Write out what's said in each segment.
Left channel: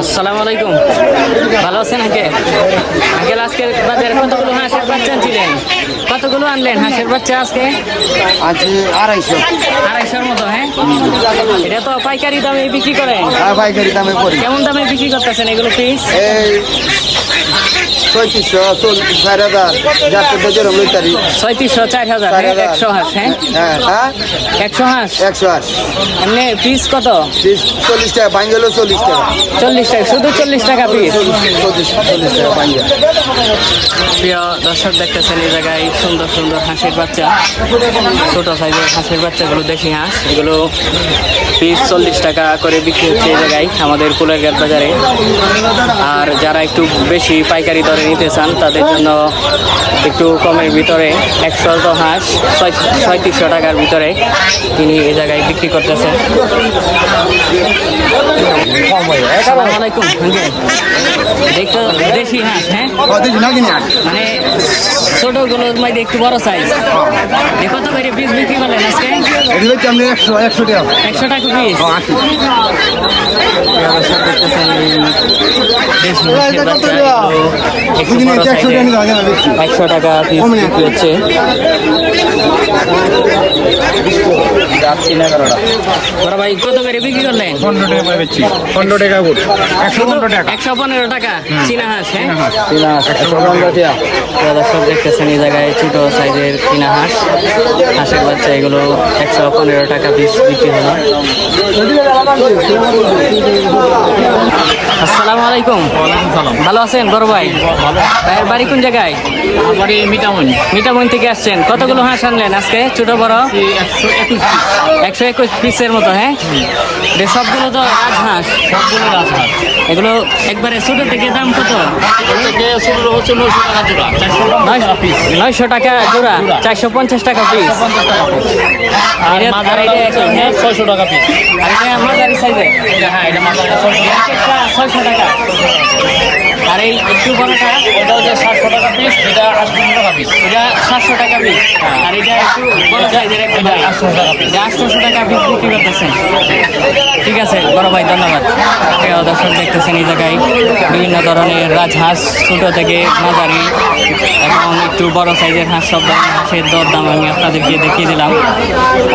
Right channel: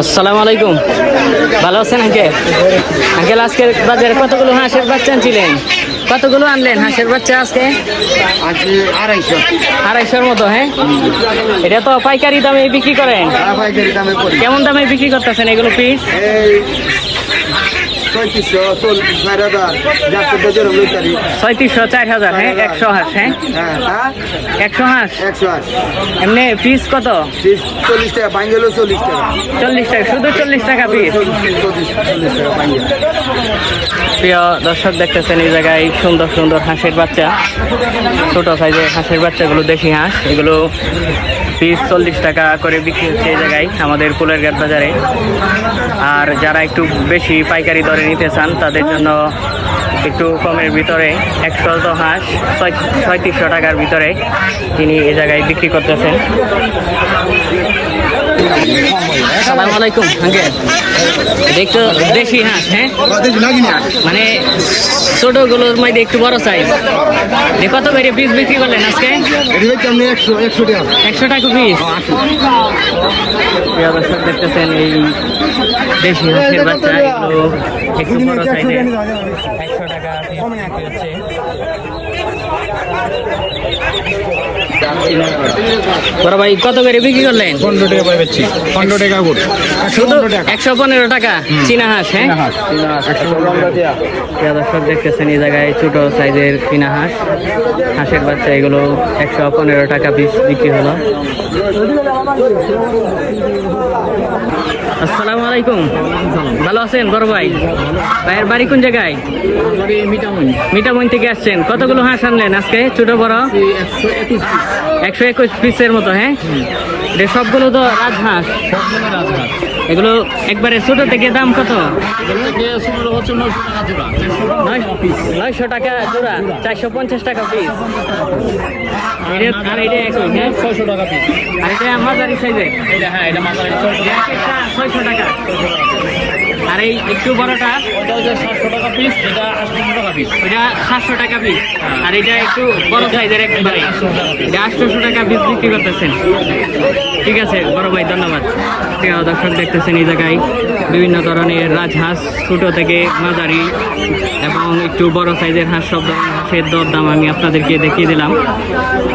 আসসালামু আলাইকুম। ভালো আছেন আঙ্কেল? আঙ্কেল আজকের বাজারে কতগুলো হাঁসের বাচ্চা আনছিলেন? কতগুলো আনলেন হাঁসের বাচ্চা আজকে? আজ আড়াইশো। আড়াইশোর মতো হ্যাঁ? এটা তো পাইকারি দামে বিক্রি করেন। পাইকারি দামে কেমন দামে বিক্রি করতেছেন এগুলো পিস চার হাজার যাতে বেজের লইতারি ছয়ত্রিশশো চার হাজার হ্যাঁ? একশো হাঁস হ্যাঁ? হ্যাঁ হ্যাঁ। একশো হাঁস? একশো আট এমনি পিস কত? বিশ চল্লিশ টাকা বাঙ্গেলো চল্লিশ টাকা। চল্লিশ টাকা শুধু চল্লিশ টাকা পিস চল্লিশ চল্লিশ টাকা বাঙ্গেল প্রিয় দর্শক দেখতেছেন এই জায়গায় সুন্দর সুন্দর হাঁসের বাচ্চা। ছোট সাইজের হাঁসের বাচ্চাগুলো দেখি হাঁস। এগুলো পিস চল্লিশ টাকা করে বিক্রি হচ্ছে এই জায়গায় আমাদের কুলের ঘাট বাজারে। আর যারা একটু বেশি পাইকারি দরে নিতে চান তাদের জন্য একটু কমের ভিতরে একশো হাঁস ছয় ছয়ত্রিশশো টাকার ভিতরে তিনি এই জায়গায় বিক্রি করতেছেন। সালাম আলাইকুম আঙ্কেল। একটু দেশি হাঁস হ্যাঁ? মানে ছোটগুলোর মধ্যে একটু বড় সাইজ কত করে পিস বিক্রি করলেন আজকে? একশো একশো টাকা। একশো টাকা পিস প্রিয় দর্শক দেখতেছেন এই দেশি হাঁসের বাচ্চা এগুলো একটু বড় সাইজের একশো টাকা পিস বিক্রি হচ্ছে। বড় ভাই কত করে বিক্রি করলেন? পনেরো টাকা পাই পাচ্ছি পনেরো টাকা একশো পনেরো টাকা। একশো পনেরো টাকা? চীনা হাঁস হ্যাঁ? প্রিয় দর্শক দেখতেছেন এই জায়গায় ছোট সাইজের চীনা হাঁস। হাঁসের বাচ্চা এগুলো একশো পনেরো টাকা পিস বিক্রি হলো। আসসালামু আলাইকুম। ভালো আছেন বড় ভাই? ভাইয়ের বাড়ি কোন জায়গায়? মিটামনি থেকে আসছেন। কতগুলো হাঁস আনলেন আজকে? ছোট বড়? একশো একুশ পিসের মতো হ্যাঁ? সবগুলো তো রাজহাঁস। সবগুলো রাজহাঁস এগুলো একবারে ছোট থেকে দাম কত? নয়শো টাকা জোড়া চারশো পঞ্চাশ টাকা পিস আর এটা- একই, হ্যাঁ? ছয়শো টাকা পিস আর এটা মাঝারি সাইজের হ্যাঁ এটা টাকা। আর এই একটু বড়টা আটশো এটা সাতশো টাকা পিস আর এটা একটু বড় সাইজের একবারে এটা আটশোশো টাকা পিস বিক্রি করতেছেন ঠিক আছে, বড় ভাই, ধন্যবাদ। প্রিয় দর্শক, দেখতেছেন এই জায়গায় বিভিন্ন ধরনের রাজহাঁস ছোটো থেকে মাঝারি এবং একটু বড় সাইজের হাঁস সব হাঁসের দরদাম আমি আপনাদেরকে দেখিয়ে দিলাম।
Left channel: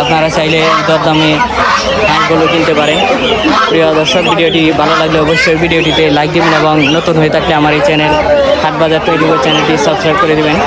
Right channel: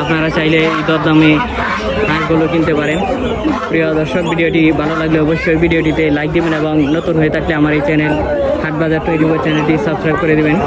আপনারা চাইলে দরদামে হাঁসগুলো কিনতে পারেন। প্রিয় দর্শক, ভিডিওটি ভালো লাগলে অবশ্যই ভিডিওটিতে লাইক দেবেন এবং নতুন হয়ে থাকলে আমার এই চ্যানেল হাটবাজার টোয়েন্টি ফোর চ্যানেলটি সাবস্ক্রাইব করে দেবেন।